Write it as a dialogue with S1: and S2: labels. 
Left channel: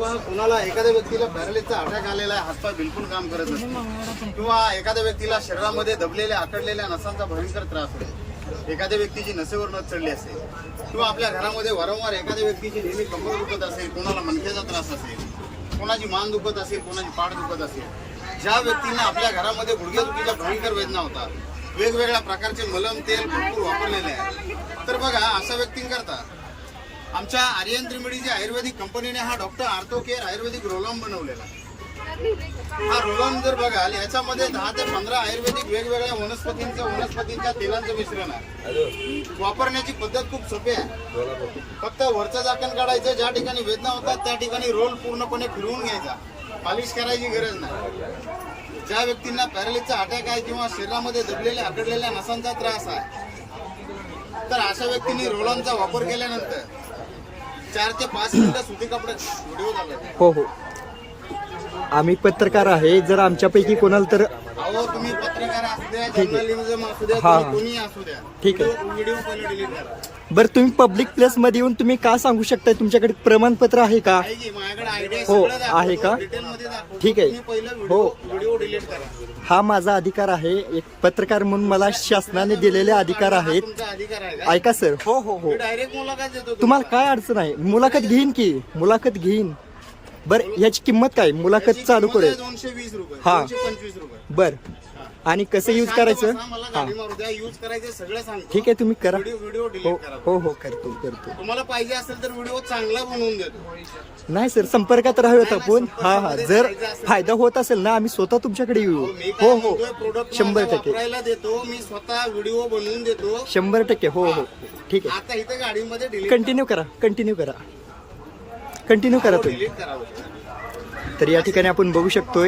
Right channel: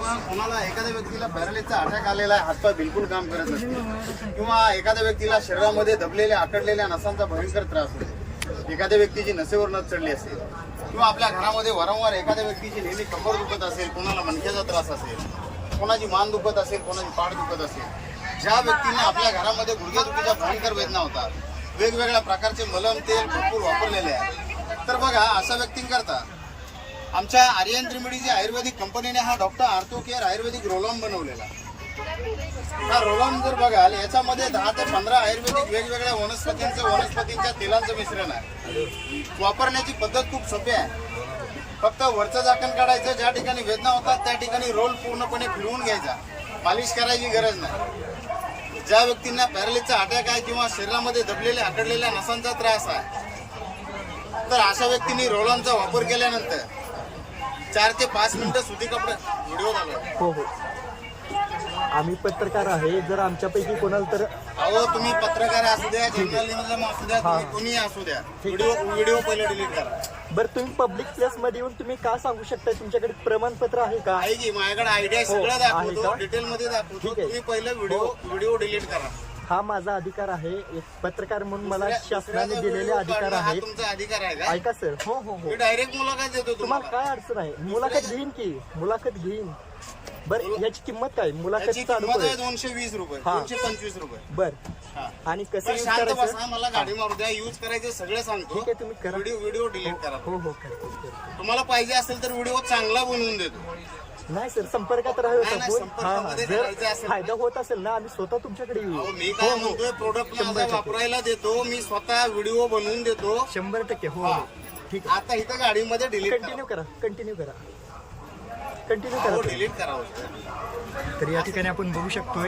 S1: पण कोणाला एखाद्या व्यक्तीला पॅरालिसचा अटॅक आलेला आहे हातपाय बिलकुल काम करत नसते किंवा एखाद्या व्यक्तीला शरीरामध्ये दबलेल्या आकडलेल्या नसांचा भयंकर त्रास होतो. एखाद्या व्यक्तीची नसेवर नस चढली असेल. किंवा आपल्या घरामध्ये वारंवार एखाद्या व्यक्तीची नेहमी कंबर दुखत असेल कोणाला मणक्याचा त्रास असेल कोणाची मान दुखत असेल कोणाची पाठ दुखत असेल. ज्या व्यक्तींना आपल्या घरामध्ये गुडघेदुखीच्या भयंकर वेदना होतात वेगवेगळ्या प्रकारचे मलम तेल भरपूर वापरलेले आहे. तर बघा अशा व्यक्तींकरता आमच्या आर्यन त्रिमिडीची आयुर्वेदिक कंपनीने हा डॉक्टर आर्थो केअर आयुर्वेदिक रोलॉम बनवलेला आहे. हा रोलॉम जर बघाल याच्यामध्ये दहा ते पंधरा आयुर्वेदिक वेगवेगळ्या वनस्पतींचं वनस्पतींच्या तेलांचं मिश्रण आहे. वापरण्याची पद्धत खूप सोपी आहे. फक्त वरचं झाकण काढायचं ज्या ठिकाणी वेदना होतात त्या ठिकाणी रोल पूर्णपणे फिरवून घ्यायचा. पॉलिश करायची गरज नाही. ज्या व्यक्तींना पॅरालिसचा अटॅक आहे किंवा शरीरामध्ये दबलेल्या आकडलेल्या नसांचा त्रास आहे तर अशा व्यक्तींनी रोलॉनचा वापर केल्यानंतर चार ते पाच मिनिटं सुती कपडे. व्हिडिओ चालू
S2: हो हो. आम्ही पत्रकार आहे. जर आमच्यापैकी कोणाला तर
S1: अहो तुम्ही पत्रकार असू द्या जर्नलिझम असू द्या
S2: हा,
S1: तुम्ही
S2: हा.
S1: कोणी असू द्या.
S2: ठीक
S1: व्हिडिओ व्हिडिओ पहिले डिलीट करा.
S2: बरं तुम्ही पब्लिक प्लेस मध्ये येऊन तुम्ही का सांगू शकता तुमच्याकडे प्रमाणपत्र आहे का?
S1: आहे की माझ्याकडे आयडिया
S2: हो,
S1: सगळं
S2: आहे
S1: दाखवतो
S2: का?
S1: डिटेल मध्ये दाखवतो.
S2: ठीक आहे.
S1: तुम्ही पहिलं व्हिडिओ
S2: हो.
S1: व्हिडिओ डिलीट करा.
S2: हा माझा अधिकार आहे. एक पत्रकार म्हणून मला शासनाने दिलेले अधिकार
S1: हा
S2: आहेत.
S1: तुमचा अधिकार आहे का?
S2: ऐका सर. हो हो हो.
S1: मी डायरेक्ट मुलाखत देतो
S2: तुम्हाला काय अडचण आहे? मुलाखत घेईन की? मुलाखत घेईन. बर याची किंमत काय? मुलाखत चालू करेल
S1: दोनशे वीस रुपये
S2: हा.
S1: दोनशे पंचवीस रुपये.
S2: बर.
S1: हा.
S2: आणि कसं यूज
S1: शांत
S2: करायचं?
S1: बसा, मला गाडी मारू द्या. यूज करायचं सगळं सांगतो.
S2: ठीक आहे तुम्ही करा.
S1: व्हिडिओ व्हिडिओ
S2: हो
S1: डिलीट करा
S2: हो हो करतो करतो.
S1: तुम्हाला पाहिजे असेल तर व्हिडिओ चांगला बनवून देतो.
S2: नाही सर संपर्कात राहूयात
S1: नाही,
S2: आपण. हा हा.
S1: संपर्कामध्ये
S2: जर
S1: राहायचं असेल
S2: फायदा होत असेल ना आम्ही स्वतः तुमच्याकडे येऊ.
S1: अहो, मी
S2: हो
S1: काय
S2: हो.
S1: म्हणतोय प्रोडक्ट
S2: शंभर टक्के.
S1: वापरायला देतो मी स्वतः व्हिडिओ बनवून देतो.
S2: शंभर टक्के हो हो. ठीक आहे.
S1: आता इथं गाडीमध्ये डिलीट
S2: कंटिन्यू करा. कंटिन्यू करा. कंटिन्यू करा तुम्ही
S1: डिलीट करा हो.
S2: तर या ठिकाणी आपण बघू शकतोय